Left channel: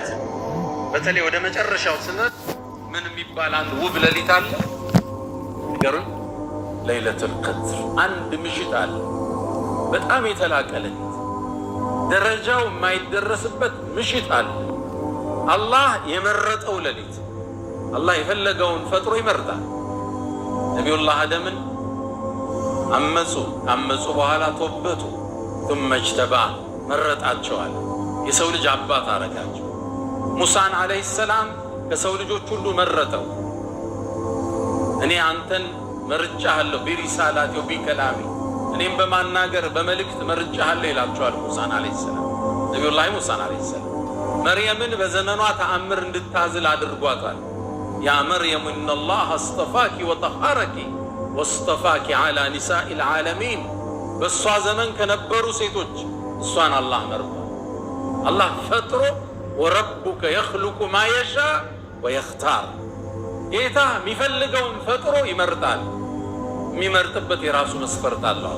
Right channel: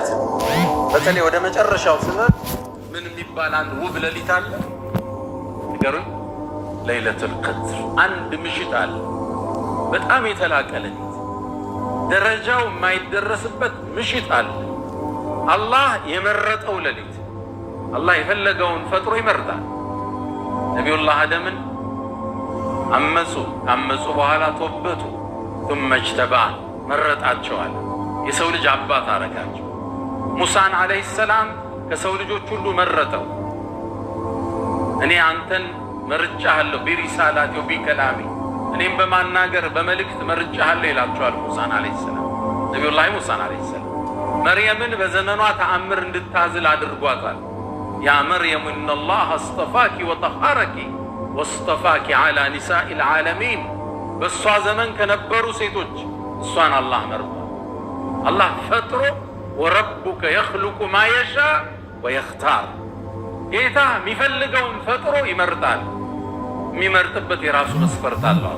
ተመልከት። በተለይ ወደ መጨረሻው ስነት ምን የሚባል አንድ ውብ ሌሊት አለ ንገሩን። ለይለቱል ቀድር አንድ ምሽት አለ፣ በጣም የተላቀ ሌሊት፣ ደረጃው የማይደረስበት ምሽት አለ። አላህ የመረጠው ሌሊት። አላህ የፈለገውን ፈጥሮ ይመርጣል። ነቢዩላህ አደምን አመፁ በኋላ ተወበቱ ثم اجتباه መረጣቸዋል። የሰው ልጅ አባት አረጋቸው። ሙሳን አለይሂ ሰላም ከሰው ልጆች ሁሉ መረጠው። እኔ አንተን መርጫለሁ ቢሪሳላቲ ወቢከላሚ፣ እኔም በማናገር በመልእክት መርጫለሁ ይላቸዋል ሙሳን አለይሂ ሰላም። ነቢዩላህ ሙሳን አለይሂ ሰላም መርየምን በዘመኗ ተአምር እንድታዝል አድርጓታል። ያ መርየም ኢነላህ አስጠፋኪ ወጠሃረኪ ወስጠፋኪ ዐላ ኒሳኢል ዓለሚን። በእሷ ዘመን ከነበሩ ሴቶች እሷን አላህ መርጧል። አላህ ፈጥሮ ወረቡከ የኽሉቁ ማ የሻ ወየኽታር፣ ጌታ የሚፈልገውን ፈጥሮ ይመርጣል። የሚመርጥበት የራሱ መስፈርት አለው።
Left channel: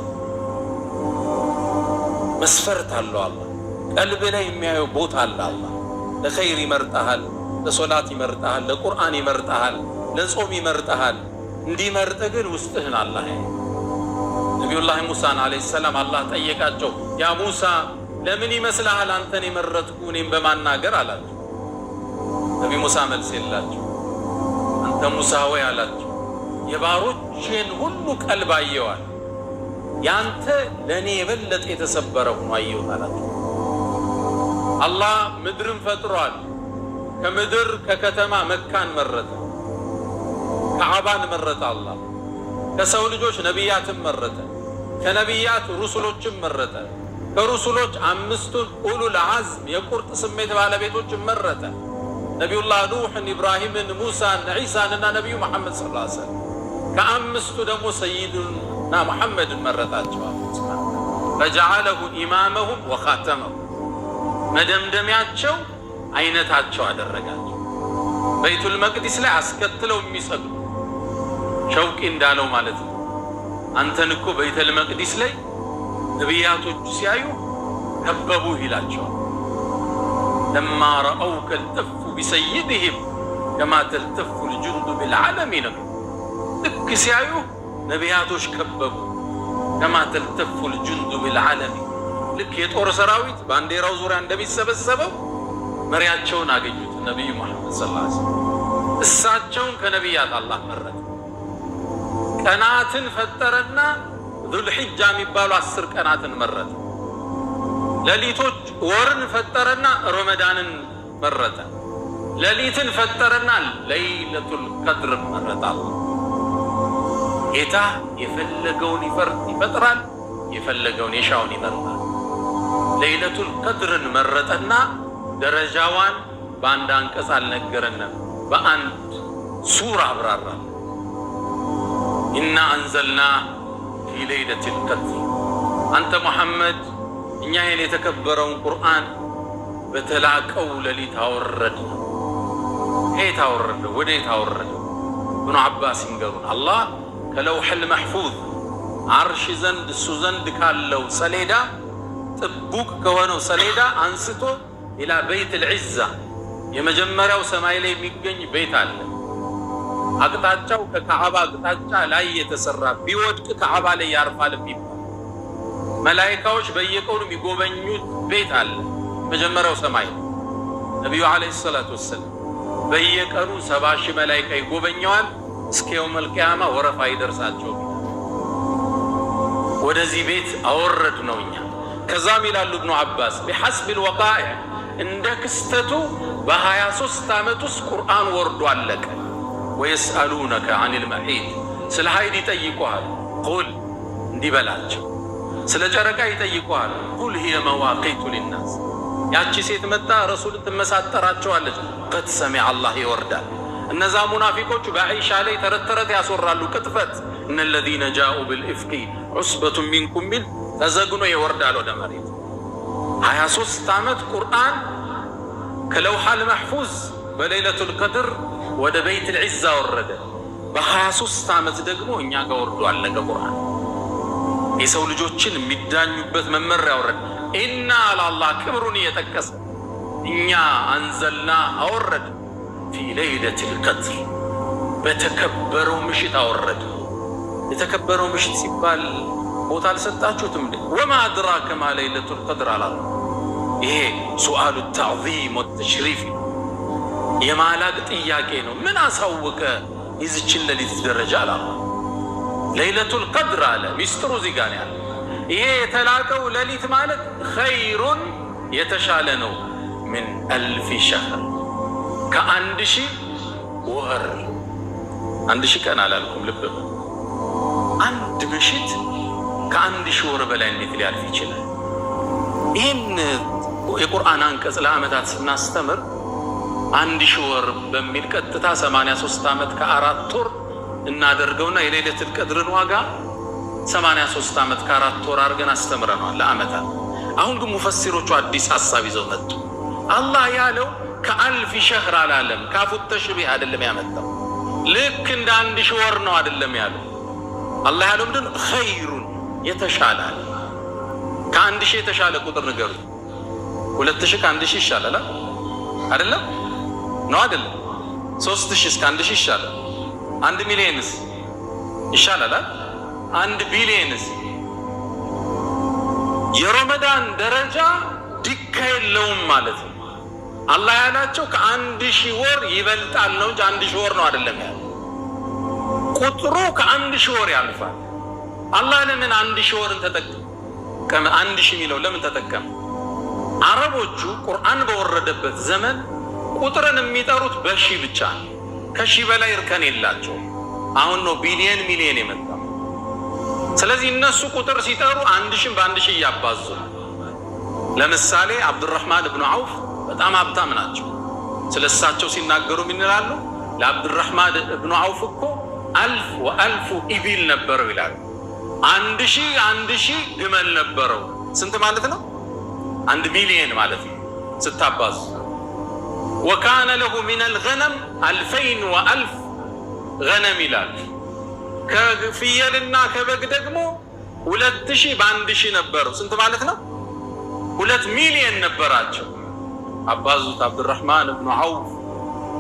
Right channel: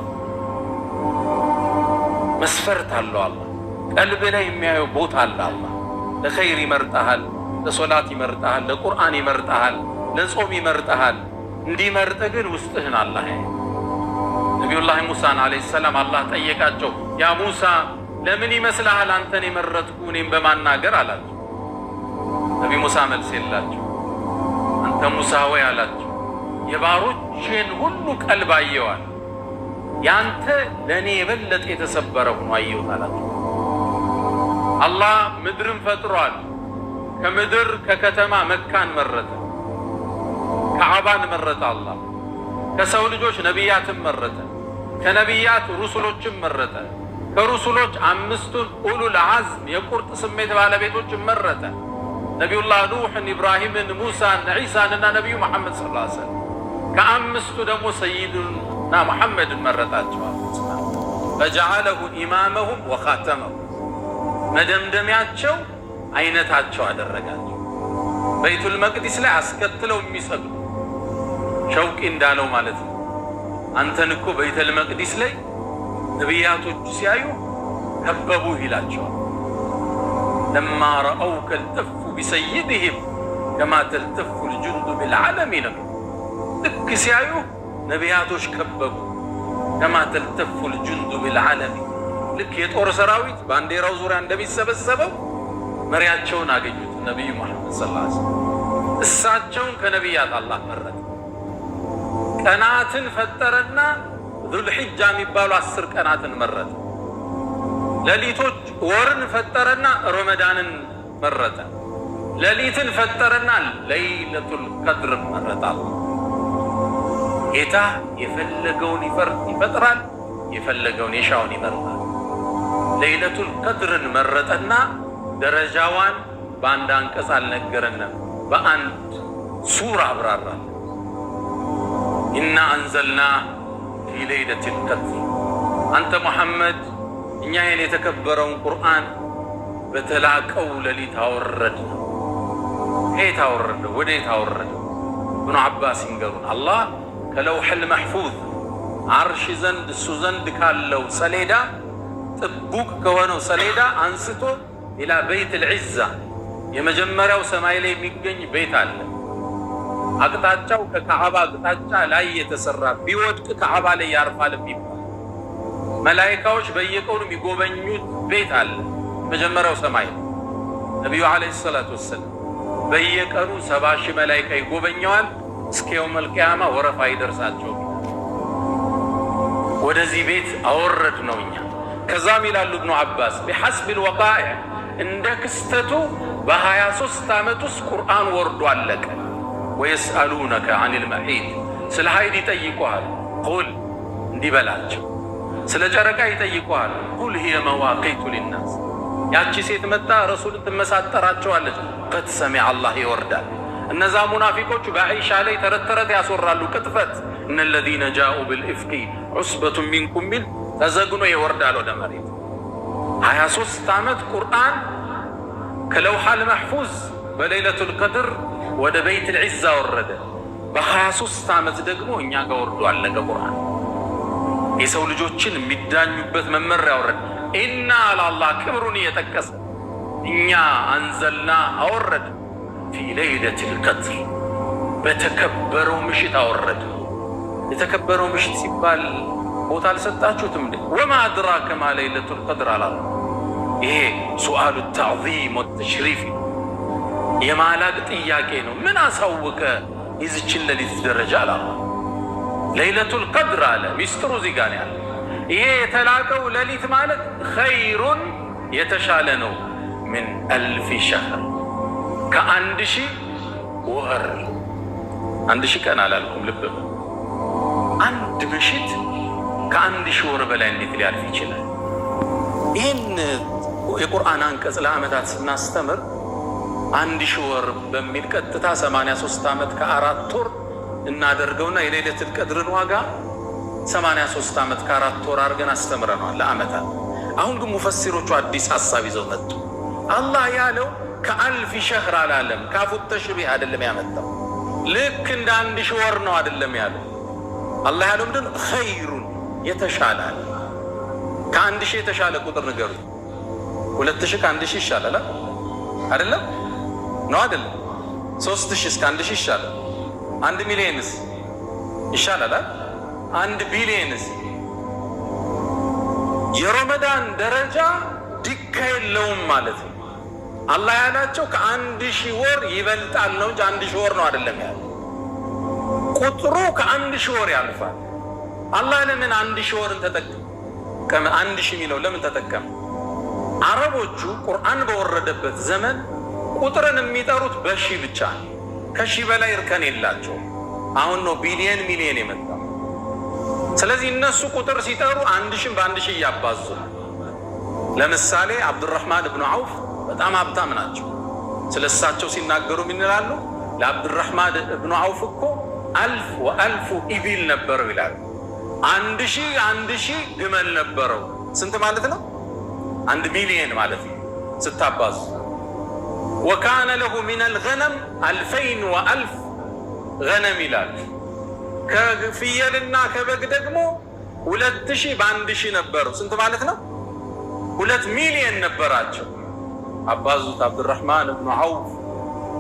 መስፈርት አለው። አላህ ቀልብ ላይ የሚያየው ቦታ አለ። አላህ ለኸይር ይመርጣሃል፣ ለሶላት ይመርጣሃል፣ ለቁርአን ይመርጣሃል፣ ለጾም ይመርጣሃል። እንዲመርጥ ግን ውስጥህን አላህ ያየ። ነቢዩላህ ሙሳን አለይሂ ሰላም አላህ ጠየቃቸው፣ ያ ሙሳ ለምን ይመስልሃል አንተን የመረጥኩ እኔም በማናገር አላቸው። ነቢ ሙሳ መልስ የላቸው። አንተ ሙሳ ወይ አላቸው፣ የባሮችን ሁሉ ቀልብ አየዋል፣ ያንተ ለእኔ የበለጠ የተሰበረ ሆኖ አየሁት አላቸው። አላህ ምድርን ፈጥሯል። ከምድር ከከተማ መካን መረጠ፣ ከዓባን መረጠ። አላህ ከሰው ልጆች ነቢያትን መረጠ፣ ከነቢያት ሩሱሎችን መረጠ፣ ከሩሱሎች አምስቱን ኡሉል ዐዝም የቁርጥ ስሜት ባለቤቶችን መረጠ። ነቢዩላህ ኑሕን፣ ኢብራሂምን፣ ሙሳን፣ ዒሳንና ነቢዩ መሐመድ ሰለላሁ ዐለይሂ ወሰለም። ከአምስቱ ደግሞ ሰይድና መሐመድን መረጣቸዋል። ፈጀዐለሁ ኢማመሁም ወኻተመሁም፣ መደምደሚያቸው አይነታቸው አደረጋቸው። በይቱል መቅዲስ ላይ አስከትለው የሚሰግዱ ሸውቂ እንዳለው ማለት ነው። አንተን እኮ በይቱል መቅዲስ ላይ ነቢያቶቹ ሲያዩ ከበቡ ይላቸዋል። ለማ ረአውከ ልተፉ ቢሰይድህም ከማ ተልተፉ ልጁንዱ ብልዓለሚን። ልክ ሲያዩ ነቢያቶች ከበቡ። ከማ ተልተፉ ልጁንዱ ብልዓለሚን፣ ልክ የጦር ሰራዊት ባንዲራው ዙሪያ እንደሚሰበሰበው መሪያቸውን አገኙት ነቢዩ መሐመድ ሰለላሁ ዐለይሂ ወሰለም። እሳቸውን ከነቢያት አላህ መረጠ። ቀናትን ፈጠረና ዙልሒጃ የሚባሉ 10 ቀናትን መረጠ። ሌሊቶች ወርን ፈጠረና ረመዳንን መረጠ። ሌሊትን ፈጠረና ለይለቱል ቀድር መረጠ። ጌታ የፈለገውን ይፈጥራል፣ የፈለገውን የሻውን ይመርጣል። ለይለቱል ቀድርን መረጠና ደረጃዋን በአንድ አንቀጽ አልነገረንም፣ በአንድ ሱራ አብራራ። ኢና አንዘልና ፊ ለይለቱል ቀድር። አንተ ሙሐመድ እኛ ይህን የተከበረውን ቁርአን በተላቀው ሌሊት አወረድነው። ከየት አወረደው? ወዴት አወረደው? ኢብኑ አባስ ይንገሩን። አላህ ከለውሐል መሕፉዝ ዓርሽ ዘንድ እሱ ዘንድ ካለው ሰሌዳ ጥቡቅ ከሆነው ሰሌዳ አንስቶ ኢላ በይቱል ዒዛ የመጀመሪያው ሰማይ ላይ የሚገኝ ቤት አለ። አቅጣጫው ከካዕባ አቅጣጫ ላይ የተሰራ ቢወድቅ ካዕባ ላይ ያርፋል የሚባል መላኢካዎች በየቀኑ የሚጎበኙት ቤት አለ። መጀመሪያው ሰማይ ነቢዩ ዓለይሂ ሰላቱ ወሰላም በየቀኑ 70,000 መላኢካ ይጎበኘዋል። እስከ የውመል ቂያማ ወረፋ ይደርሳቸው። ወደዚህ ቤት አወረድ ነው እኛ። ከዛም ይላሉ ኢብኑ አባስ ቢሐስቢል ወቃኢዕ፣ እንደ ክስተቱ በ23 ዓመት ውስጥ ቁርአን ወርዶ አለቀ። ወየስአሉነከ ዐኒል መሒድ፣ ስለ ሀይድ ይጠይቁሃል፣ ቁል እንዲበላቸው። ስለ ጨረቃ ይጠይቁሃል፣ ቁል ሂየ መዋቂቱ ሊናስ። ያቺ ሴት መጣ ረሱል ትመሳጠራቸዋለች፣ ቀድ ሰሚዐ አላህ ይወርዳል። እነዛ ሙናፊቆቹ በዓኢሻ ላይ ተረት ተረት ያስወራሉ፣ ቅጥፈት። እነ ለዚነ ጃኡ ብልኢፍቂ ዑስበቱን ሚንኩም ሚል ተዘግኖ ይወርዳል ወደ መሬት። 23 ዓመት ቁርአን ከለውሐል መሕፉዝ በሌለቱል ቀድር ወደ በይቱል ዒዛ ወረደ። በ23 ዓመት ደግሞ እኛ ጋር ወርዶ አለቀ ቁርአን። የሰው ልጆችን የሚዳኙበት መመሪያ ወረደ። ኢና አላህ ክብሩን እየጠቀሰ እኛ አንዘልና አወረድ ፊ ለይለቱል ቀድር በተከበረው ምሽት አወረድ። የተከበረው ምሽት ሲባል ቦታ አልሰጣችሁትም እንዴ? ወማ አድራከ ማ ለይለቱል ቀድር አላለ። ይሄ ሱአሉ ተዕዚም ወተሽሪፍ የማላቅ ጥያቄ ነው። ምን አሳወቀ ይዝችን ሌሊት ደረጃ አላለ። ለይለቱል ቀድር አለ። ሚስጥሩ እዚህ ጋር ያለ ይሄ የተላቀው ሌሊት ማለት ኸይሩን የተሻለ ነው። ምን አልፍ ሸህር ከአንድ ሺህ ወር። 1000 ቀን አላልኩም፣ ልብ በሉ። አንድ ምሽት ከ1000 ወር በላይ እንዴት ሊያልፍ ይችላል? ይህን የቁርአን አንቀጽ ለዓመታት ስናስተምር 1000 ወር በሚል ቀጥታ 83 ዓመት ከ4 ወር እናደርገውና የሌለቱል ቀድርን ዋጋ 83 ዓመት ከ4 ወር አድርገን አስተምረናል ለዓመታት። አሁን ግን ሙፈሲሮቹ አዲስ ሐሳብ ይዘው መጡ። አላህ ያለው ከአልፍ ሸህር አላለም። ካፉ ተሽቢህ አይደለም ያመጣው። ልክ እንደ 1000 ወር ነው አይደለም ያለው። አላህ ያለው ምንድን ነው? ኸይሩን የተሻለ አለ። ከ1000 የተሻለ ቁጥር ንገሩ። 2000 ከ1000 ይሻላል አይደለም? ነው አይደለም? 3000 እስከ 1000 ይሻላል። 1 ሚሊዮንስ ይሻላል? 1 ቢሊዮንስ? የረመዳን ደረጃ ዲካ የለውም ማለት ነው። አላህ ያላቸው ከ1000 ወር ይበልጣል ነው እንጂ 1000 ወር ነው አይደለም ያለው። ቁጥሩ ከ1000 ወር ያልፋል። አላህ ለምን 1000 ወርን ተጠቀመ? 1000 የሚለው ለምን ተጠቀመ? አረቦቹ ቁርአን በወረደበት ዘመን ቁጥርን የሚጠሩት በሺህ ብቻ ነው። ከሺህ በላይ እርከን የላቸው። አሁን ነው ቢሊየን ሚሊየን የመጣው። ስለዚህ እነሱ ቁጥር ሲጠሩ 1000 በ1000 እያባዙ። ለምሳሌ አብዱራህማን ብኑ ዐውፍ በጣም ሀብታም ናቸው። ስለሳቸው ሲናገሩ ምን ይላሉ? ለአብዱራህማን ብኑ ዐውፍ እኮ 1000 ወ1000 ኢቢል ነበረው ይላሉ። 1000 ግመል ነበረው። ስንት ማለት ነው? 1 ሚሊየን ማለት ነው ስታባዙ። ወካነ ለሁ ሚነል ገነም 2000 ወ1000 ገነም ይላል። ከፍየልና ከበግ ደግሞ 2000 በ1000 ነበረው። ስንት ማለት ነው? 2 ሚሊየን ነበራቸው። አባዙት። አብዱራህማን ብኑ ዐውፍ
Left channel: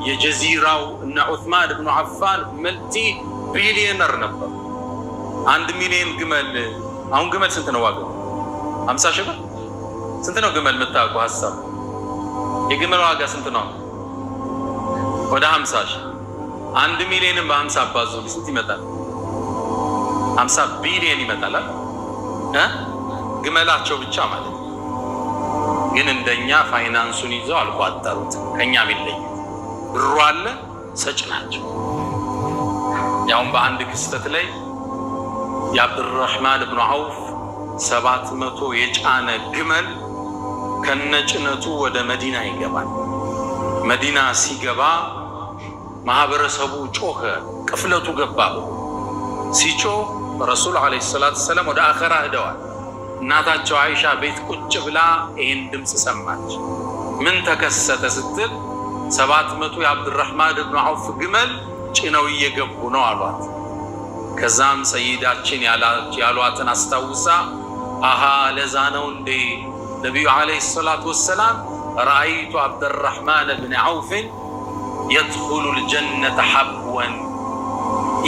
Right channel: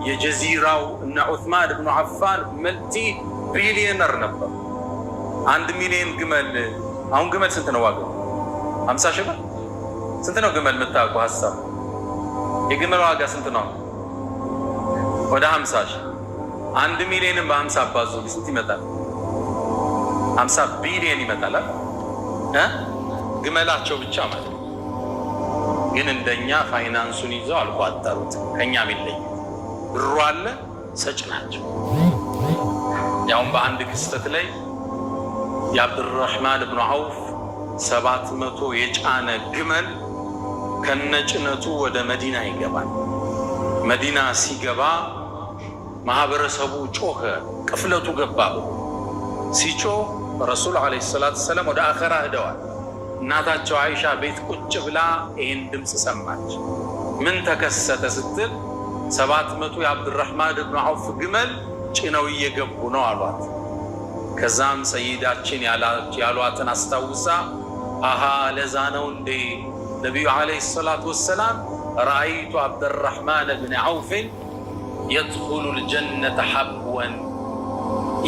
የጀዚራው እና ዑስማን ብኑ አፋን መልቲ ቢሊየነር ነበሩ። 1 ሚሊየን ግመል። አሁን ግመል ስንት ነው ዋጋው? 50 ሺህ ብር። ስንት ነው ግመል? የምታውቁ ሀሳብ የግመል ዋጋ ስንት ነው? ወደ 50 ሺህ። 1 ሚሊየንን በ50 አባዙ ስንት ይመጣል? 50 ቢሊየን ይመጣል። ግመላቸው ብቻ ማለት ነው። ግን እንደኛ ፋይናንሱን ይዘው አልቋጠሩት። ከኛ ቢለይ ብሩ አለ፣ ሰጭ ናቸው። ያውም በአንድ ክስተት ላይ የአብዱራህማን ብኑ ዐውፍ 700 የጫነ ግመል ከነጭነቱ ወደ መዲና ይገባል። መዲና ሲገባ ማህበረሰቡ ጮኸ፣ ቅፍለቱ ገባ። ሲጮህ ረሱል ዓለይሂ ሰላቱ ወሰላም ወደ አኸራ ሄደዋል። እናታቸው አይሻ ቤት ቁጭ ብላ ይህን ድምፅ ሰማች። ምን ተከሰተ ስትል 700 የአብዱራህማን ብኑ ዐውፍ ግመል ጭነው እየገቡ ነው አሏት። ከዛም ሰይዳችን ያሏትን አስታውሳ አሃ ለዛ ነው እንዴ ነቢዩ ዓለይሂ ሰላቱ ወሰላም ረአይቱ አብዱራህማን ብን ዐውፍን የድኹሉል ጀነተ ሐብወን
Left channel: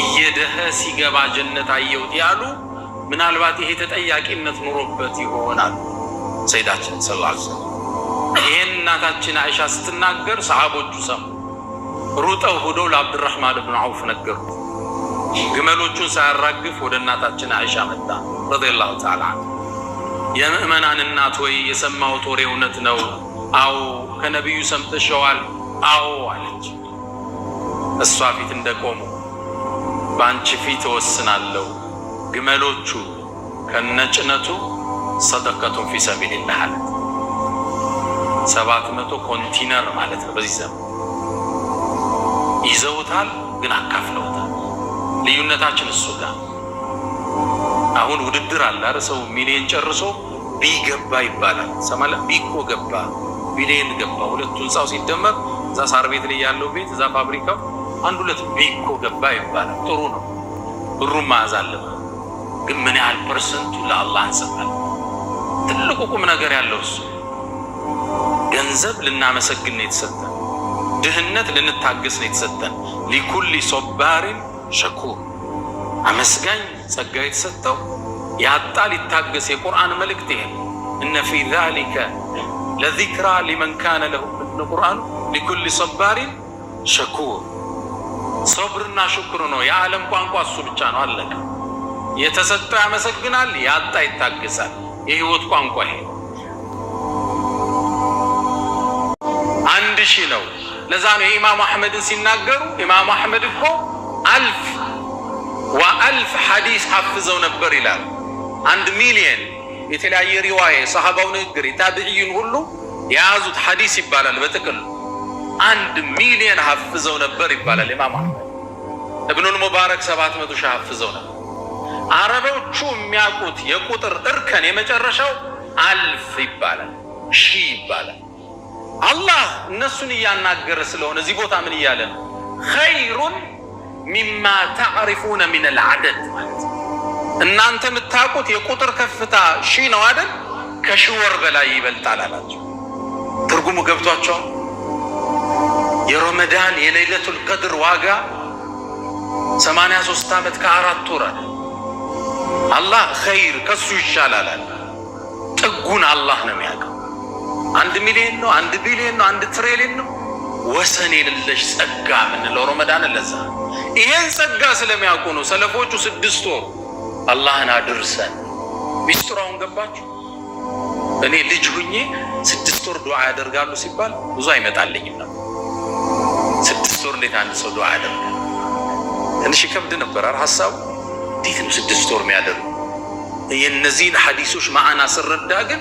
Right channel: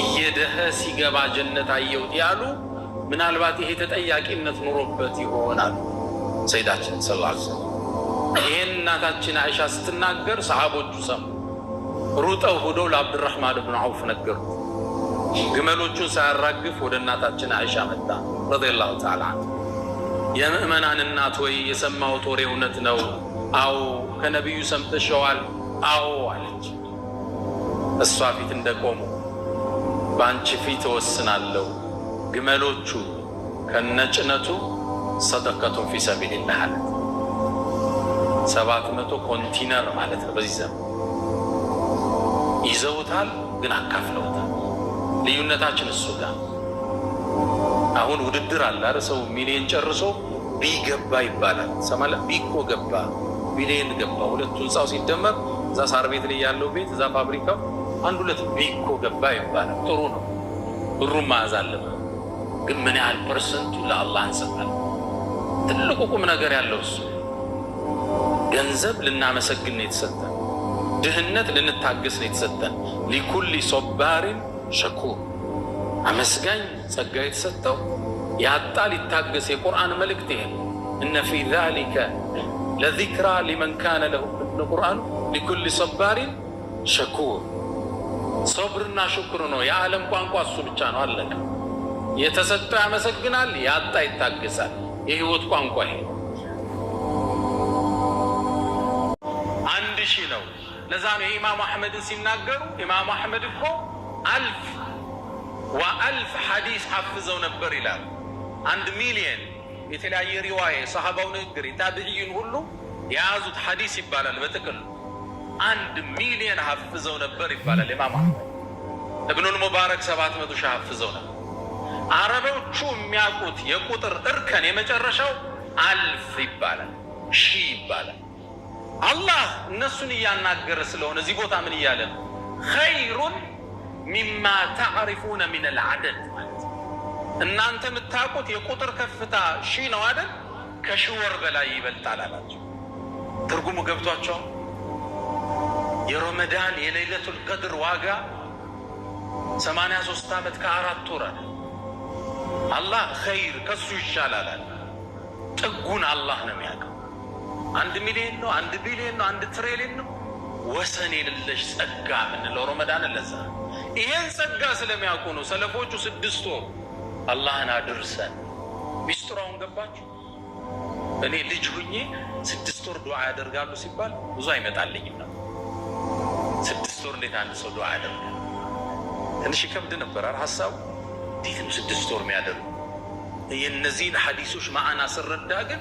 እየደኸ ሲገባ ጀነት አየሁት ያሉ። ምናልባት ይሄ ተጠያቂነት ኑሮበት ይሆናል። ሰይዳችን ሰለላሁ ዐለይሂ ወሰለም ይሄን እናታችን አይሻ ስትናገር ሰሃቦቹ ሰሙ። ሩጠው ሄደው ለአብዱራህማን ብን ዐውፍ ነገሩት። ግመሎቹን ሳያራግፍ ወደ እናታችን አይሻ መጣ ረዲየላሁ ተዓላ ዐንሃ። የምእመናን እናት ወይ የሰማሁት ወሬ እውነት ነው? አዎ። ከነቢዩ ሰምተሸዋል? አዎ አለች። እሷ ፊት እንደቆሙ በአንቺ ፊት እወስናለሁ፣ ግመሎቹ ከነጭነቱ ሰደቀቱን ፊ ሰቢልላህ አለት። 700 ኮንቲነር ማለት ነው። በዚህ ዘመን ይዘውታል፣ ግን አካፍለውታል። ልዩነታችን እሱ ጋር። አሁን ውድድር አለ አይደል? ሰው ሚሊዮን ጨርሶ ቢገባ ይባላል። ሰማለ ቢኮ ገባ፣ ሚሊዮን ገባ። ሁለቱ ህንፃው ሲደመር እዛ ሳር ቤት ላይ ያለው ቤት እዛ ፋብሪካው 1-2 ቢኮ ገባ ይባላል። ጥሩ ነው፣ ብሩን መያዝ አለበት። ግን ምን ያህል ፐርሰንቱ ለአላህ እንሰጣለን? ትልቁ ቁም ነገር ያለው እሱ ገንዘብ ልናመሰግን ነው የተሰጠን። ድህነት ልንታገስ ነው የተሰጠን። ሊኩሊ ሶባሪን ሸኩር አመስጋኝ ጸጋ የተሰጠው ያጣ ሊታገስ። የቁርአን መልእክት ይሄ እነ ፊ ዛሊከ ለዚክራ ሊመን ካነ ለሁ ቁርአኑ ሊኩሊ ሶባሪን ሸኩር። ሶብርና ሽኩር ነው የዓለም ቋንቋ እሱ ብቻ ነው። አለቀ። የተሰጠው ያመሰግናል፣ ያጣ ይታገሳል። የህይወት ቋንቋ ይሄ 1000 ነው። ለዛ ነው ኢማም አህመድን ሲናገሩ ኢማም አህመድ እኮ 1000 ሐዲስ ሐፍዘው ነበር ይላል። 1 ሚሊዮን የተለያየ ሪዋያ የሰሃባው ንግግር የታቢዒን ሁሉ የያዙት ሐዲስ ይባላል። በጥቅል 1 ሚሊዮን ሐፍዘው ነበር ይባላል። ኢማም አህመድ ኢብኑል ሙባረክ 700 ሺህ ሐፍዘው ነበር። አረቦቹ የሚያውቁት የቁጥር እርከን የመጨረሻው 1000 ይባላል፣ 1000 ይባላል። አላህ እነሱን እያናገረ ስለሆነ እዚህ ቦታ ምን እያለ ነው? ኸይሩን ሚማ ተዕሪፉነ ሚነል ዐደድ ማለት እናንተ የምታውቁት የቁጥር ከፍታ 1000 ነው አይደል? ከ1000 ወር በላይ ይበልጣል አላቸው። ትርጉሙ ገብቷቸዋል? የረመዳን የለይለቱል ቀድር ዋጋ 83 ዓመት ከ4 ወር አለ። አላህ ኸይር ከሱ ይሻላል አለ። ጥጉን አላህ ነው የሚያውቀው። 1 ሚሊዮን ነው፣ 1 ቢሊዮን ነው፣ 1 ትሪሊዮን ነው። ወሰን የሌለሽ ጸጋ ምንለው ረመዳን ለዛ። ይሄን ጸጋ ስለሚያውቁ ነው ሰለፎቹ 6 ወር አላህን አድርሰን። ሚስጥራውን ገባችሁ? እኔ ልጅ ሁኜ 6 ወር ዱዓ ያደርጋሉ ሲባል ብዙ አይመጣልኝም ነው። 6 ወር እንዴት አንድ ሰው ዱዓ ያደርጋል? ትንሽ ይከብድ ነበር ሐሳቡ። እንዴት ነው 6 ወር የሚያደርጉ? የእነዚህን ሐዲሶች ማዕና ስረዳ ግን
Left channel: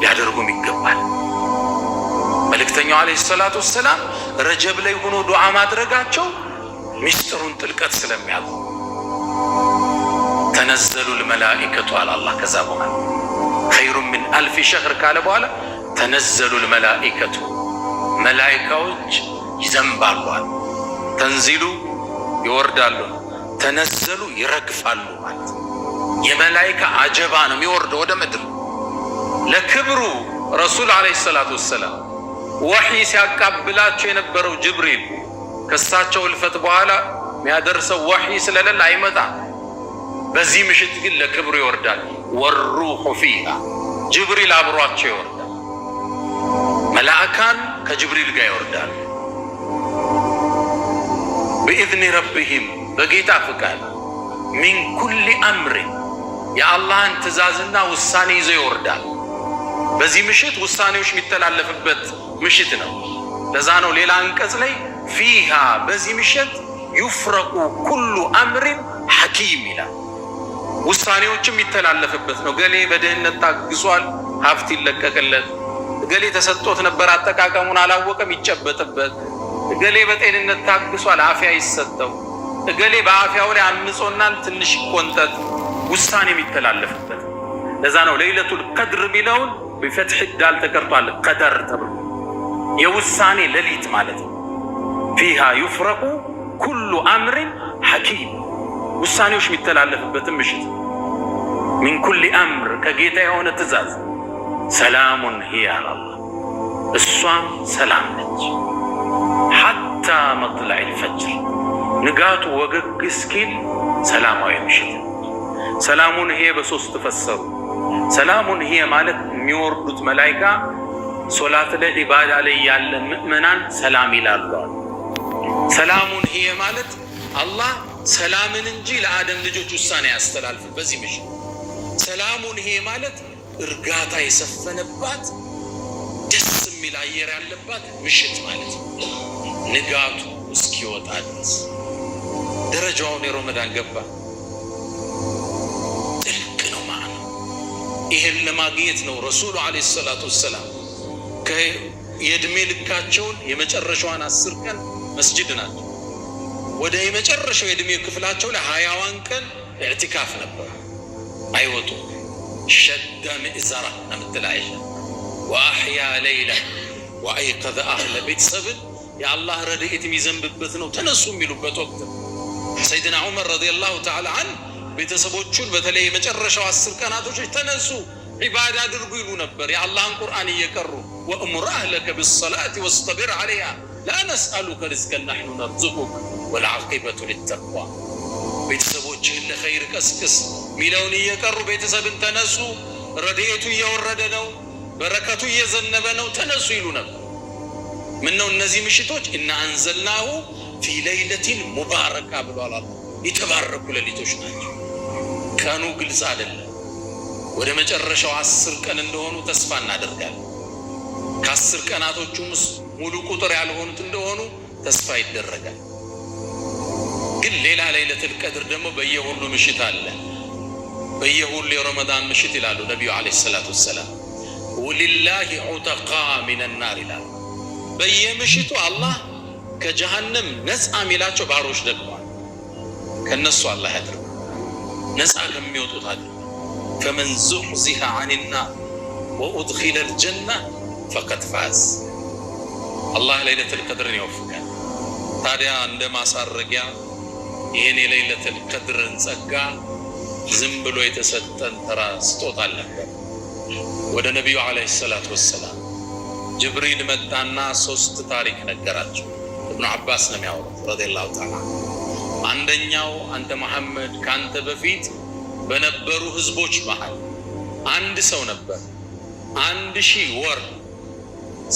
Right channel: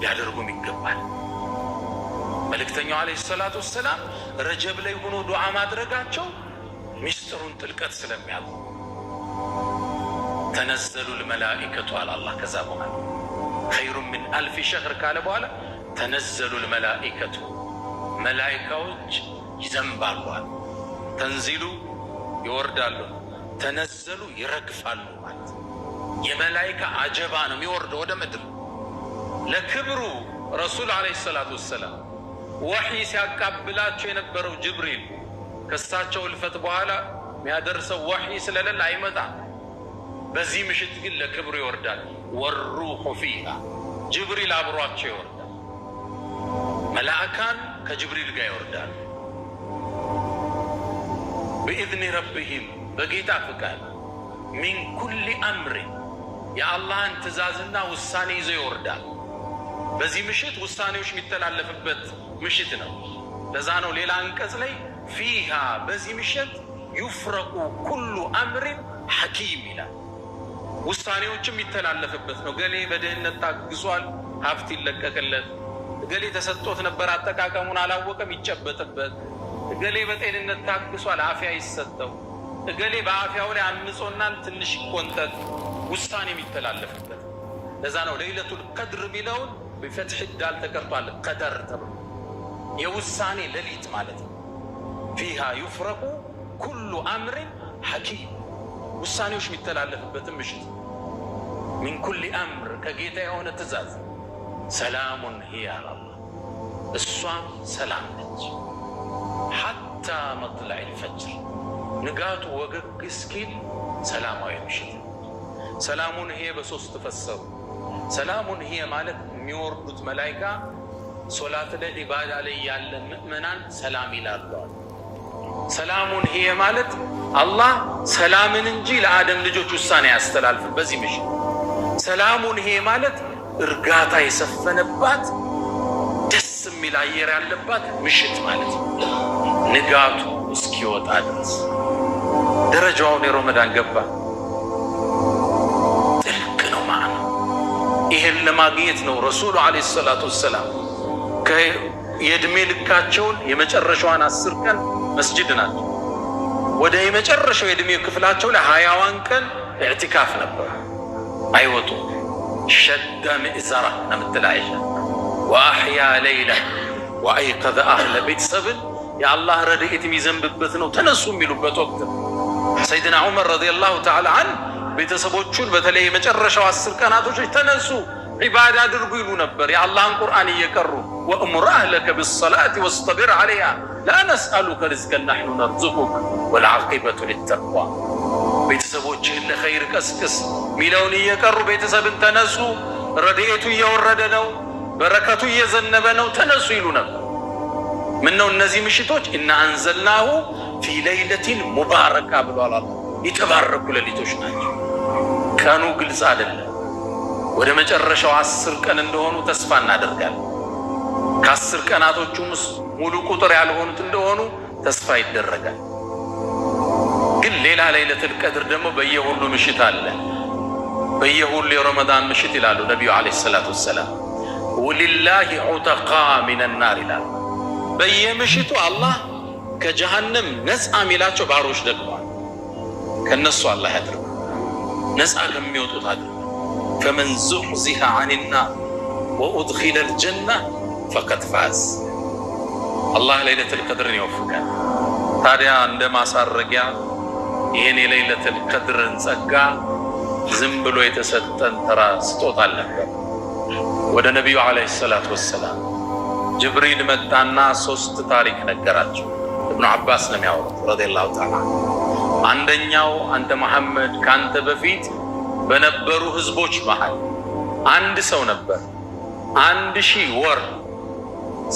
ሊያደርጉም ይገባል። መልእክተኛው ዓለይሂ ሰላቱ ወሰላም ረጀብ ላይ ሆኖ ዱዓ ማድረጋቸው ሚስጥሩን ጥልቀት ስለሚያውቁ ተነዘሉ ልመላኢከቱ አለ አላህ። ከዛ በኋላ ኸይሩን ሚን 1000 ሸህር ካለ በኋላ ተነዘሉ ልመላኢከቱ መላኢካዎች ይዘንባሉ። ተንዚሉ ይወርዳሉ፣ ተነዘሉ ይረግፋሉ ማለት የመላኢካ አጀባ ነው የሚወርደው ወደ ምድር። ለክብሩ ረሱል ዓለይሂ ሰላቱ ወሰላም ወሕይ ሲያቃብላቸው የነበረው ጅብሪል ከሳቸው እልፈት በኋላ የሚያደርሰው ወሕይ ስለሌለ አይመጣም። በዚህ ምሽት ግን ለክብሩ ይወርዳል። ወሩሑ ፊሃ ጅብሪል አብሯቸው ይወርዳል። መላእካን ከጅብሪል ጋር ይወርዳል። ብኢዝኒ ረቢሂም በጌታ ፍቃድ ሚን ኩሊ አምሪን የአላህን ትእዛዝና ውሳኔ ይዞ ይወርዳል። በዚህ ምሽት ውሳኔዎች የሚተላለፍበት ምሽት ነው። ለዛ ነው ሌላ አንቀጽ ላይ ፊሃ በዚህ ምሽት ዩፍረቁ ኩሉ አምሪን ሐኪም ይላል። ውሳኔዎችም የሚተላለፍበት ነው። ገሌ በድህነት ታግሷል፣ ሀብት ይለቀቅለት። ገሌ ተሰጥቶት ነበር አጠቃቀሙን አላወቀም፣ ይጨበጥበት። ገሌ በጤንነት ታግሷል፣ አፍያ ይሰጠው። ገሌ በአፍያው ላይ አምጾናል፣ ትንሽ ይቆንጠጥ። ውሳኔ የሚተላለፍበት ለዛ ነው ለይለቱል ቀድር የሚለውን በፈትሕ ዳል ተቀርቷል። ቀደር ተብሎ የውሳኔ ሌሊት ማለት ነው። ፊሃ ዩፍረቁ ኩሉ አምሪን ሐኪም ውሳኔዎች የሚተላለፍበትም ምሽት። ሚን ኩሊ አምር ከጌታ የሆነ ትእዛዝ። ሰላሙን ሂያ አላህ እሷም ሰላም ነች። ሐታ መጥለዒል ፈጅር ንጋቱ ወገግ እስኪል ሰላማዊ ምሽት። ሰላሙን ሂየ በሶስት ፈሰሩ። ሰላሙን ሂየ ማለት የሚወርዱት መላይካ ሶላት ላይ ኢባዳ ላይ ያለ ምእመናን ሰላም ይላሉ። ሰላሙን ሂየ ማለት አላህ ሰላምን እንጂ ለአደም ልጆች ውሳኔ ያስተላልፍ በዚህ ምሽት። ሰላሙን ሂየ ማለት እርጋታ የሰፈነባት ደስ የሚል አየር ያለባት ምሽት ማለት ነው። ንጋቱ እስኪወጣ ድረስ ደረጃውን የረመዳን ገባ ጥልቅ ነው ማለት ነው። ይሄን ለማግኘት ነው ረሱሉ ዓለይሂ ሰላቱ ወሰላም የእድሜ ልካቸውን የመጨረሻዋን 10 ቀን መስጂድ ናቸው። ወደ የመጨረሻው የእድሜ ክፍላቸው ላይ 20ዋን ቀን ኢዕቲካፍ ነበር። አይወጡ ሸደ ምእዘራ ነምትል አይሻ ወአሕያ ሌይለ ወአይቀዘ አህለ ቤተሰብን የአላህ ረድኤት የሚዘንብበት ነው ተነሱ የሚሉበት ወቅት። ሰይድና ዑመር ረዲየላሁ ተዓላ ዐንሁ ቤተሰቦቹን በተለይ የመጨረሻው 10 ቀናቶች ተነሱ ዒባዳ አድርጉ ይሉ ነበር። የአላህን ቁርአን እየቀሩ ወእሙር አህለከ ቢሰላቲ ወስጠቢር ዐለይሃ ላ ነስአሉከ ሪዝቀን ነሕኑ ነርዙቁክ ወልዓቂበቱ ሊተቅዋ። ቤተሰቦችህን ለኸይር ቀስቅስ ሚለውን እየቀሩ ቤተሰብን ተነሱ፣ ረድኤቱ እየወረደ ነው፣ በረከቱ እየዘነበ ነው፣ ተነሱ ይሉ ነበር። ምን ነው እነዚህ ምሽቶች ኢና አንዘልናሁ ፊ ለይለቲን ሙባረካ ብሏል አላህ። የተባረኩ ሌሊቶች ናቸው። ቀኑ ግልጽ አይደለም። ወደ መጨረሻው 10 ቀን እንደሆኑ ተስፋ እናደርጋለን። ከ10 ቀናቶቹም ሙሉ ቁጥር ያልሆኑት እንደሆኑ ተስፋ ይደረጋል። ግን ሌላ ለይለቱል ቀድር ደግሞ በየሁሉ ምሽት አለ። በየሁሉ የረመዳን ምሽት ይላሉ ነቢዩ ዓለይሂ ሰላቱ ወሰላም ወሊላሂ ዑተቃ ሚነናር ይላሉ። በየምሽቱ አላህ ከጀሃነም ነፃ የሚላቸው ባሮች ደግሟል። ከነሱ አላህ ያድርግ፣ ነፃ ከሚወጡት አድርግ። ፈመን ዙሕዚሐ ዐኒናር ወኡድኺለል ጀነ ፈቀድ ፋዝ። አላህ ለይለቱል ቀድርን ይወፍቃል። ታዲያ እንደ ማሳረጊያ ይህን የለይለቱል ቀድርን ጸጋ ዝም ብሎ የተሰጠን ተራ ስጦታ አልነበር። ወደ ነቢዩ ዓለይሂ ሰላቱ ወሰላም ጅብሪል መጣና 3 ታሪክ ነገራቸው። ኢብኑ አባስ ነው የሚያወሩት ረዲየላሁ ተዓላ። አንደኛው አንተ መሐመድ ካንተ በፊት በነበሩ ህዝቦች መሃል አንድ ሰው ነበር 1000 ወር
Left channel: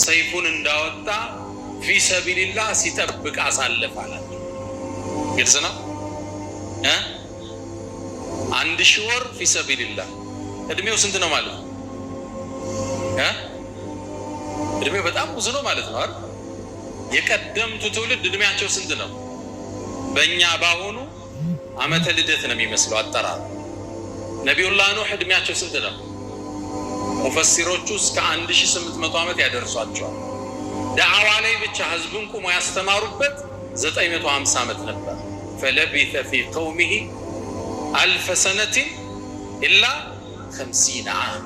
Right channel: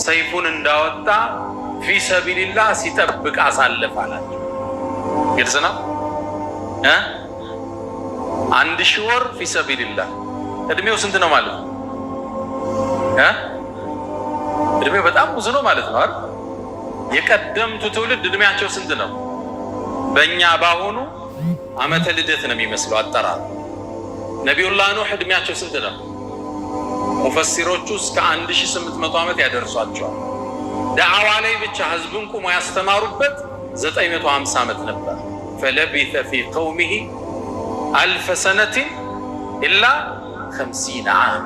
ሰይፉን እንዳወጣ ፊ ሰቢልላህ ሲጠብቅ አሳለፈ አላቸው። ግልጽ ነው። 1000 ወር ፊ ሰቢልላህ እድሜው ስንት ነው ማለት ነው? እድሜው በጣም ብዙ ነው ማለት ነው አይደል? የቀደምቱ ትውልድ እድሜያቸው ስንት ነው? በእኛ ባሁኑ ዓመተ ልደት ነው የሚመስለው አጠራር። ነቢዩላህ ኑህ እድሜያቸው ስንት ነው? ሙፈሲሮቹ እስከ 1800 ዓመት ያደርሷቸዋል። ዳዕዋ ላይ ብቻ ህዝብን ቁሞ ያስተማሩበት 950 ዓመት ነበር። ፈለቢተ ፊ ቀውሚሂ 1000 ሰነትን ኢላ 50 ዓም።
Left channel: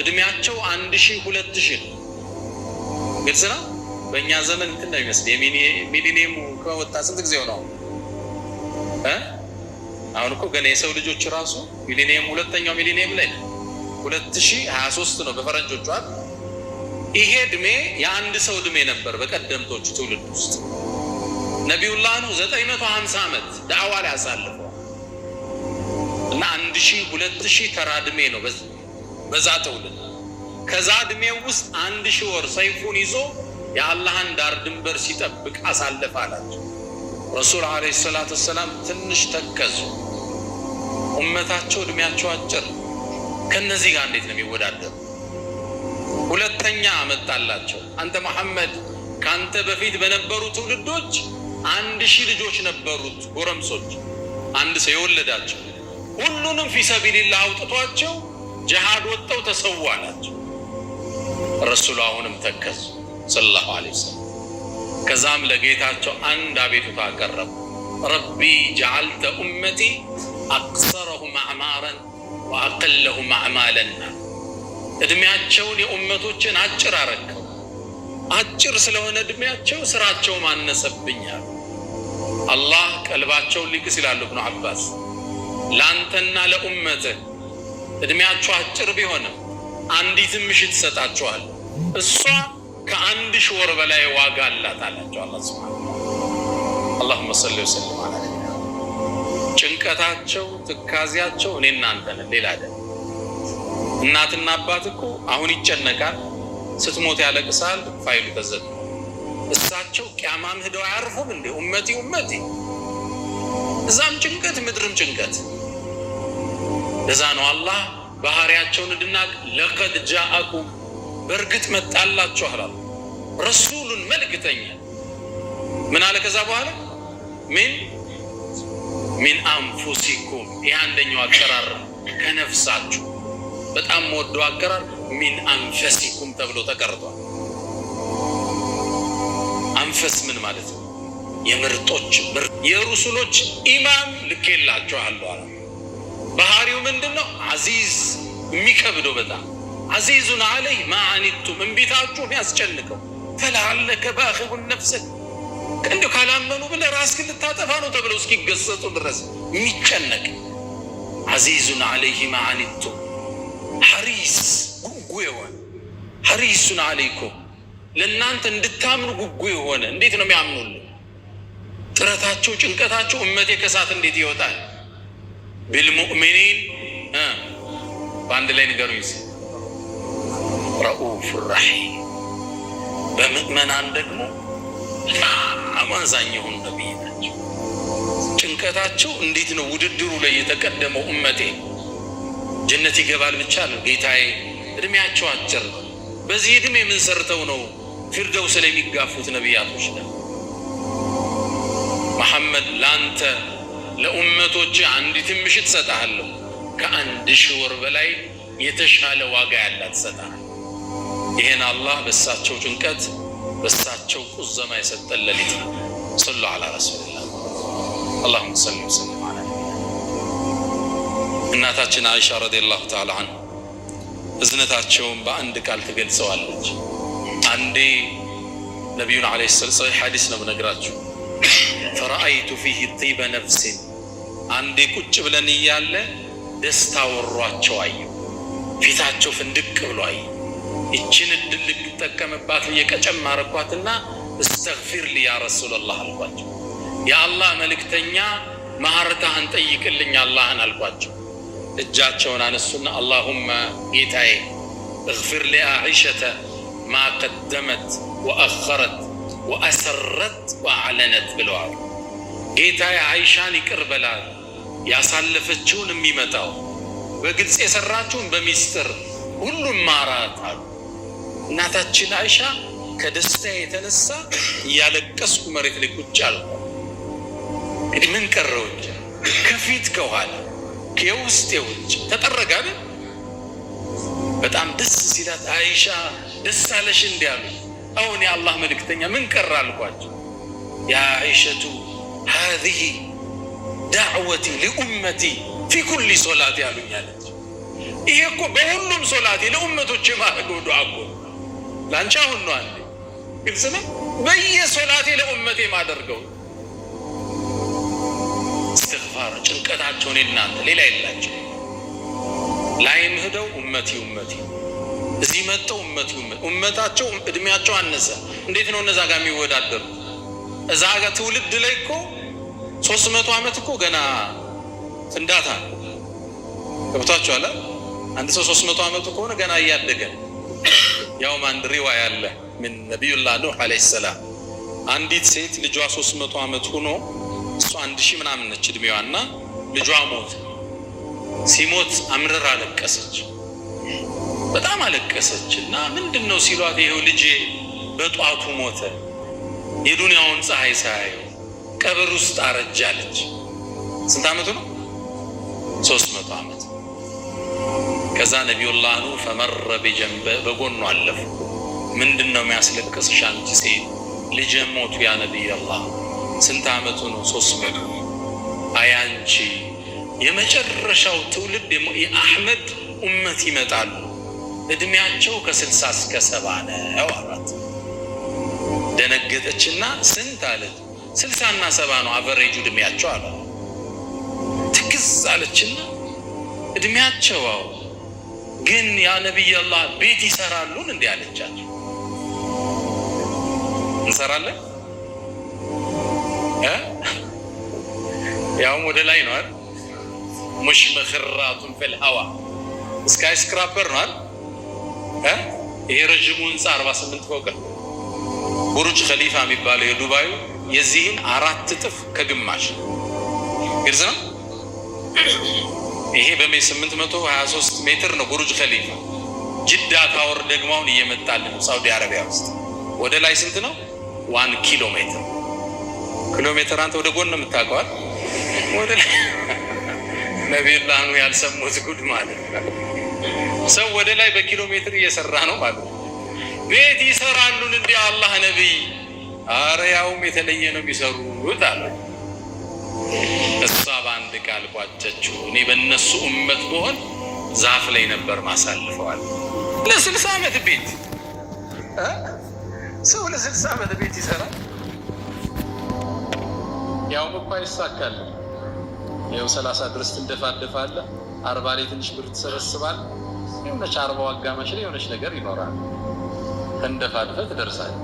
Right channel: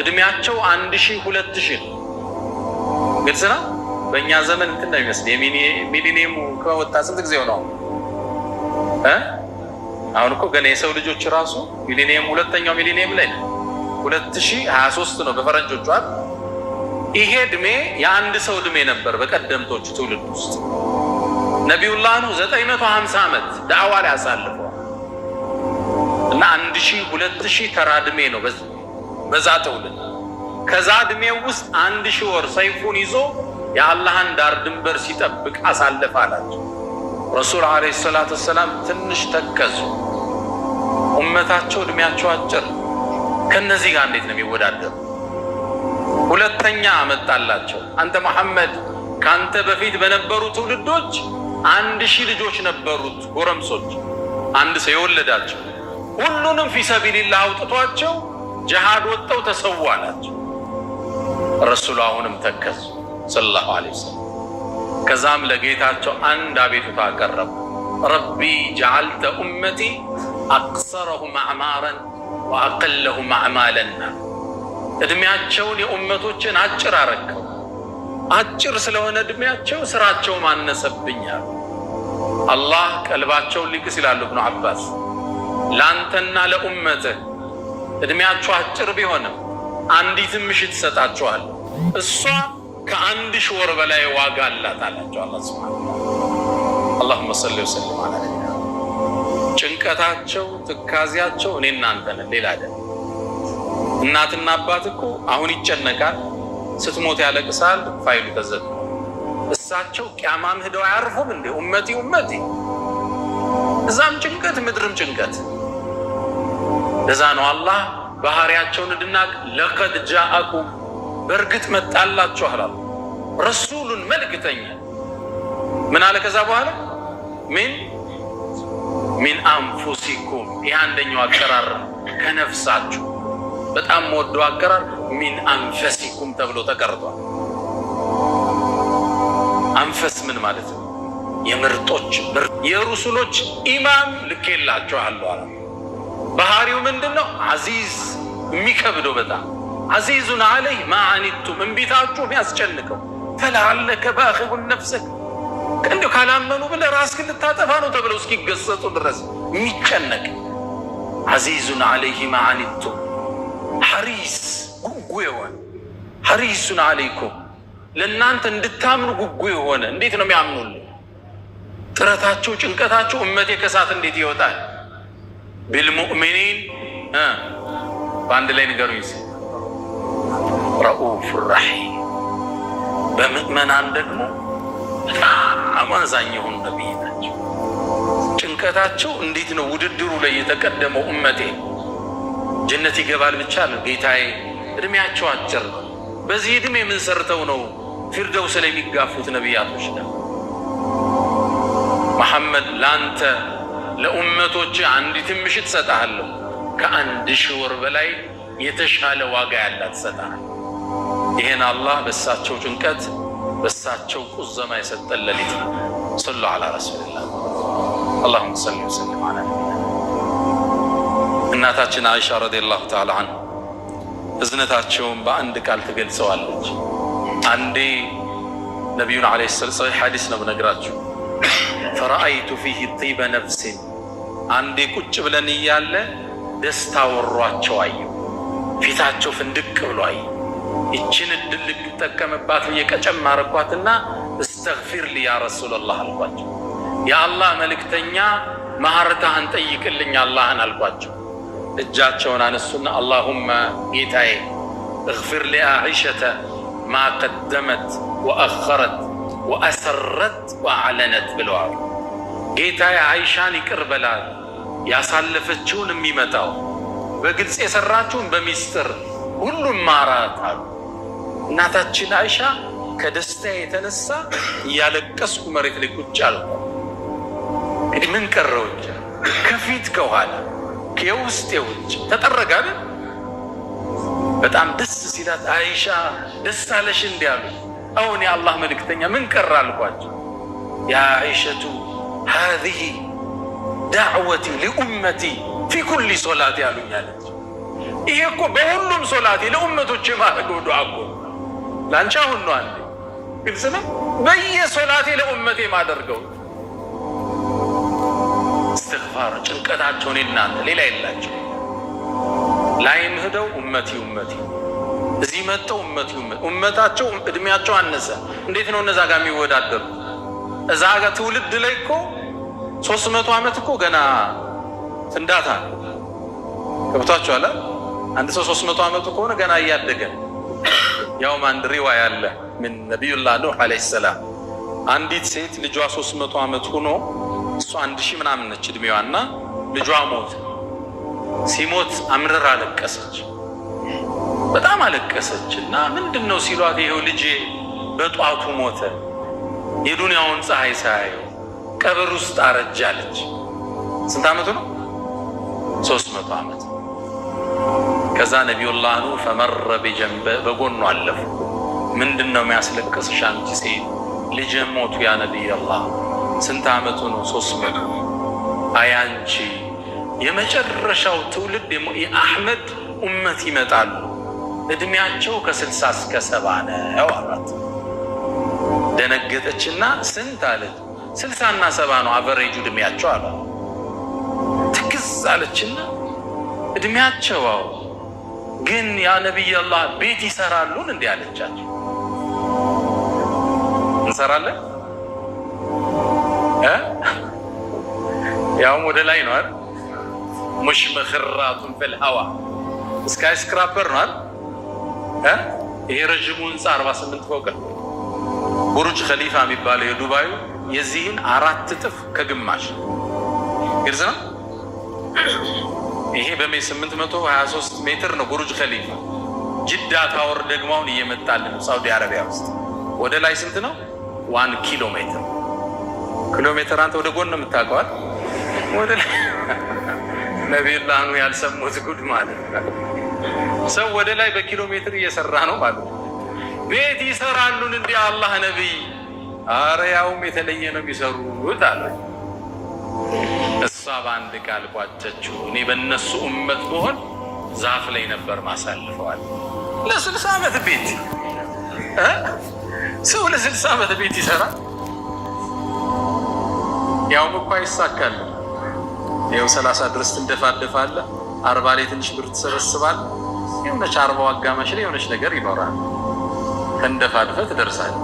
እድሜያቸው 1000 2000 ነው። ግልጽ ነው። በእኛ ዘመን እንትን ነው የሚመስል የሚሊኒየሙ ከወጣ ስንት ጊዜው ነው? አሁን እኮ ገና የሰው ልጆች ራሱ ሚሊኒየም 2ኛው ሚሊኒየም ላይ ነው። 2023 ነው በፈረንጆቹ አይደል? ይሄ እድሜ የአንድ ሰው እድሜ ነበር በቀደምቶቹ ትውልድ ውስጥ። ነቢዩላህ ኑህ 950 ዓመት ዳዕዋ ላይ አሳልፈዋል እና 1000 2000 ተራ እድሜ ነው በዛ ትውልድ። ከዛ እድሜው ውስጥ 1000 ወር ሰይፉን ይዞ የአላህን ዳር ድንበር ሲጠብቅ አሳለፈ አላቸው። ረሱል ዓለይሂ ሰላቱ ወሰላም ትንሽ ተከዙ። ኡመታቸው እድሜያቸው አጭር፣ ከነዚህ ጋር እንዴት ነው የሚወዳደሩ? ሁለተኛ አመጣላቸው። አንተ መሐመድ ካንተ በፊት በነበሩ ትውልዶች 1000 ልጆች ነበሩት፣ ጎረምሶች፣ አንድ ሰው የወለዳቸው። ሁሉንም ፊ ሰቢልላህ አውጥቷቸው ጅሃድ ወጥተው ተሰዉ አላቸው። ረሱሉ አሁንም ተከዙ ሰለላሁ ዐለይሂ ወሰለም። ከዛም ለጌታቸው አንድ አቤቱታ አቀረቡ። ረቢ ጀዐልተ ኡመቲ አቅሰረሁም አዕማረን ወአቀለሁም አዕማለን። እድሜያቸውን የኡመቶችን አጭር አረከው። አጭር ስለሆነ እድሜያቸው ስራቸውም አነሰብኛል። አላህ ቀልባቸውን ሊክስ ይላሉ ኢብኑ አባስ። ለአንተና ለኡመትህ እድሜያቸው አጭር ቢሆንም አንዲትም ምሽት ይሰጣቸዋል፣ እሷ ከ1000 ወር በላይ ዋጋ አላት አላቸው አላህ ሱብሓነሁ ወተዓላ። አላሁመ ሰሊ ወሰለም ዐላ ነቢይና። ጭንቀታቸው ትካዜያቸው እኔ እናንተ ነን፣ ሌላ አይደለም። እናትና አባት እኮ አሁን ይጨነቃል፣ ስትሞት ያለቅሳል፣ ፋይሉ ተዘጋ። እሳቸው ቂያማም ሄደው አያርፉም እንዴ? ኡመቲ ኡመቲ፣ እዛም ጭንቀት ምድርም ጭንቀት። ለዛ ነው አላህ ባህሪያቸውን እንድናቅ ለቀድ ጃአኩም በእርግጥ መጣላችሁ አለ ረሱሉን መልእክተኛ። ምን አለ ከዛ በኋላ ሚን አንፉሲኩም። ይህ አንደኛው አቀራር ከነፍሳችሁ በጣም ወደው አቀራር ሚን አንፈሲኩም ተብሎ ተቀርቷል። አንፈስ ምን ማለት ነው? የምርጦች የሩሱሎች ኢማም ልኬላችኋለሁ አለ። ባህሪው ምንድነው? አዚዝ፣ የሚከብደው በጣም አዚዙን ዐለይህ ማ ዐኒቱም፣ እንቢታችሁ የሚያስጨንቀው። ፈለዐለከ ባኺዑን ነፍሰክ፣ እንዲሁ ካላመኑ ብለህ ራስህን ልታጠፋ ነው ተብለው እስኪገሰጹ ድረስ የሚጨነቅ አዚዙን ዐለይህ ማ ዐኒቱም፣ ሐሪስ ጉጉ የሆነ ሐሪሱን አለይኩም ለእናንተ እንድታምኑ ጉጉ የሆነ እንዴት ነው የሚያምኑልኝ? ጥረታቸው ጭንቀታቸው እመቴ ከሳት እንዴት ይወጣል? ቢልሙእሚኒን በአንድ ላይ ንገሩኝ ረኡፍ ረሒም በምእመናን ደግሞ በጣም አዛኝ የሆኑ ነቢይ ናቸው። ጭንቀታቸው እንዴት ነው ውድድሩ ላይ የተቀደመው እመቴ ጀነት ይገባል ብቻ ነው ጌታዬ እድሜያቸው አጭር ነው በዚህ እድሜ ምን ሰርተው ነው ፊርደውስ ላይ የሚጋፉት ነቢያቶች ነው። መሐመድ ላንተ ለኡመቶች አንዲት ምሽት ሰጣለሁ ከ1000 ወር በላይ የተሻለ ዋጋ ያላት ሰጣለሁ። ይሄን አላህ በሳቸው ጭንቀት በሳቸው ቁዘማ የሰጠን ሌሊት ነው። ሰሉ ዐላ ረሱሊላህ اللهم صل وسلم على እናታችን አይሻ ረዲየላሁ ተዓላ ዐንሃ እዝነታቸውን በአንድ ቃል ትገልጸዋለች። አንዴ ነቢዩን ዓለይሂ ሰላም ሐዲስ ነው ነግራችሁ ፈረአይቱ ፊህ ጢበ ነፍስ አንዴ ቁጭ ብለን እያለ ደስታ ወሯቸው አየሁ። ፊታቸው ፍንድቅ ብሎ አየሁ። ይችን እድል ልጠቀምባት የቀጨም አረኳትና እስተግፊር ሊ ያ ረሱላላህ አልኳቸው። የአላህ መልእክተኛ ማህረታህን ጠይቅልኝ አላህን አልኳቸው። እጃቸውን አነሱና አላሁመ ጌታዬ እግፊር ሊአኢሸተ ማ ቀደመት ወአኸረት ወአሰረት ወአዕለነት ብለዋል። ጌታዬ አይሻን ይቅር በላት ያሳለፈችውን የሚመጣው በግልጽ የሰራችውን በሚስጥር ሁሉም ማራት አሉ። እናታችን አይሻ ከደስታ የተነሳ እያለቀስኩ መሬት ላይ ቁጭ አልኩ። እንግዲህ ምን ቀረውች? ከፊት ከኋላ ከውስጥ የውጭ ተጠረጋለ። በጣም ደስ ሲላት አይሻ ደስ አለሽ እንዲያሉ አሁን የአላህ መልእክተኛ ምን ቀረ አልኳቸው። ያ አይሸቱ هذه دعوتي لأمتي في كل صلاة ያሉኛለች። ይሄ እኮ በሁሉም ሶላቴ ለኡመቶቼ ማድረገው ዱዓ እኮ ላንቺ አሁን ነው አንዴ ግልጽ ነው። በየሶላቴ ለኡመቴ ማደርገው እስትግፋር ጭንቀታቸውን እናንተ ሌላ የላቸው ላይም ሄደው ኡመቲ ኡመቲ እዚህ መጣው ኡመቲ ኡመታቸው እድሜያቸው አነሰ። እንዴት ነው እነዛ ጋር የሚወዳደሩ? እዛ ጋር ትውልድ ላይ እኮ 300 ዓመት እኮ ገና ፍንዳታ ገብቷቸዋል። አንድ ሰው 300 ዓመቱ ከሆነ ገና እያደገ ያውም አንድ ሪዋያ አለ ምን ነቢዩላህ ኑህ ዓለይሂ ሰላም አንዲት ሴት ልጇ 300 ዓመት ሆኖ እሷ 1000 ምናምን ነች እድሜዋና ልጇ ሞት። ሲሞት አምርራ አለቀሰች፣ በጣም አለቀሰች። እና ምንድነው ሲሏት ይሄው ልጄ በጧቱ ሞተ፣ የዱንያውን ፀሐይ ሳያየው ቀብር ውስጥ አረጃለች። ስንት ዓመቱ ነው? 300 ዓመት። ከዛ ነቢዩላህ ኑህ ፈመረ ቢጀንበ በጎኑ አለፉ። ምንድነው የሚያስለቅስሽ አንቺ ሴት? ልጄ ሞቱ ያ ነቢይላህ። ስንት ዓመቱ ነው? 300። አያንቺ የመጨረሻው ትውልድ የአሕመድ ኡመት ይመጣሉ፣ እድሜያቸው ከ60 እስከ 70 ነው አላት። ደነገጠችና ስንት አለች? 60 እና 70 ነው አቨሬጁ እድሜያቸው አለ። ትክዝ አለችና እድሜያቸው ግን ያ ነቢይላህ ቤት ይሰራሉን እንዴ አለቻቸው። እንሰራለን ያውም ወደ ላይ ነው አይደል? ሙሽመኽራቱን ፊል ሀዋ ስካይ ስክራፐር ነው አይደል? ይሄ ረጅሙ ህንፃ 48 ፎቅ ነው። ቡርጅ ኸሊፋ የሚባለው የዱባዩ የዚህን 4 እጥፍ ከግማሽ ግልጽ ነው። ይሄ በ823 ሜትር ነው ቡርጅ ኸሊፋ። ጅዳ ታወር ደግሞ አሁን እየመጣልን ሳውዲ አረቢያ ውስጥ ወደ ላይ ስንት ነው? 1 ኪሎ ሜትር። ኪሎ ሜትር አንተ ወደ ጎን ነው የምታውቀው ወደ ላይ ነቢዩላህ ኑህ ያልሰሙት ጉድ ማለት ሰው ወደ ላይ በኪሎ ሜትር እየሰራ ነው ማለት ነው። ቤት ይሰራሉን እንዴ አላህ ነብይ? አረ ያውም የተለየ ነው የሚሰሩት አለ። እሷ በአንድ ቃል ቋጨችው። እኔ በእነሱ ኡመት ብሆን ዛፍ ላይ ነበር ማሳልፈዋል። ለ60 ዓመት ቤት ሰው ለ60 ዓመት ቤት ይሰራል። ያውም እኮ ይሳካል። ይኸው 30 ድረስ ትንደፋደፋለህ፣ 40 ላይ ትንሽ ብር ትሰበስባለህ። የሆነች 40 አጋማሽ ላይ የሆነች ነገር ይኖራል። ተንደፋድፈህ ትደርሳለህ።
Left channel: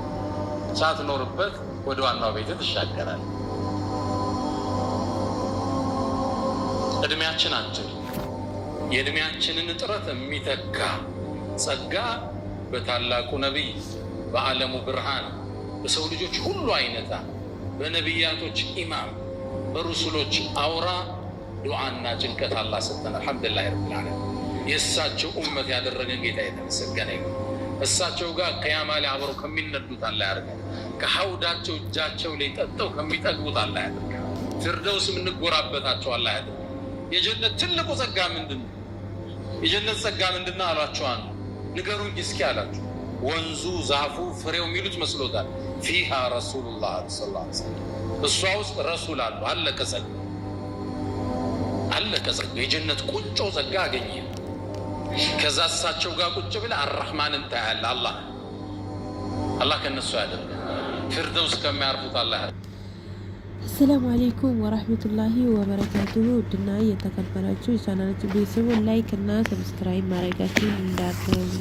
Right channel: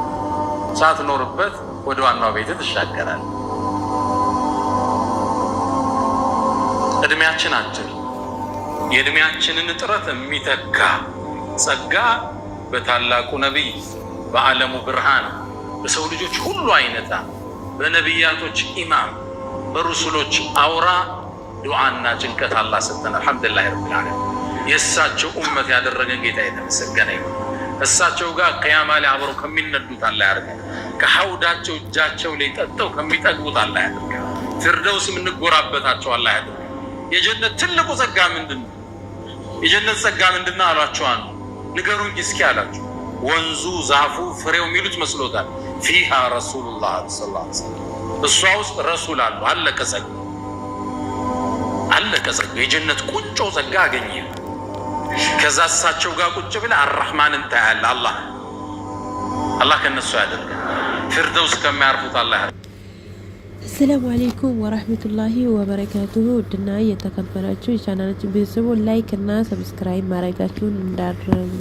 ሳትኖርበት ወደ ዋናው ቤት ትሻገራለህ። እድሜያችን አጭር፣ የእድሜያችንን ጥረት የሚተካ ጸጋ በታላቁ ነቢይ በዓለሙ ብርሃን በሰው ልጆች ሁሉ አይነታ በነቢያቶች ኢማም በሩሱሎች አውራ ዱዓና ጭንቀት አላህ ሰጠን። አልሐምዱሊላህ ረብል ዓለሚን። የእሳቸው ኡመት ያደረገን ጌታ የተመሰገነ ይሁን። እሳቸው ጋር ቅያማ ላይ አብረው ከሚነዱት አላህ ያድርገን። ከሐውዳቸው እጃቸው ላይ ጠጥተው ከሚጠግቡት አላህ ያድርገን። ፊርደውስ የምንጎራበታቸው አላህ ያድርገን። የጀነት ትልቁ ጸጋ ምንድን ነው? የጀነት ጸጋ ምንድን ነው አሏቸው። አንዱ ንገሩኝ እስኪ አላቸው። ወንዙ ዛፉ ፍሬው የሚሉት መስሎታል። ፊሃ ረሱሉላህ ሰለላሁ ዐለይሂ ወሰለም፣ እሷ ውስጥ ረሱል አሉ። አለቀ ጸጋ፣ አለቀ ጸጋ። የጀነት ቁንጮ ጸጋ አገኘ። ከዛ እሳቸው ጋር ቁጭ ብለህ አርራህማንን ታያለህ። አላህ ከነሱ ያደርገን። ፊርደውስ ከሚያርፉት አላህ ያደርገን። አሰላሙ አለይኩም ወራህመቱላሂ ወበረካቱሁ። ውድና የተከበራችሁ የቻናላችን ቤተሰቦች ላይክ እና ሰብስክራይብ ማድረጋችሁን እንዳትረሱ።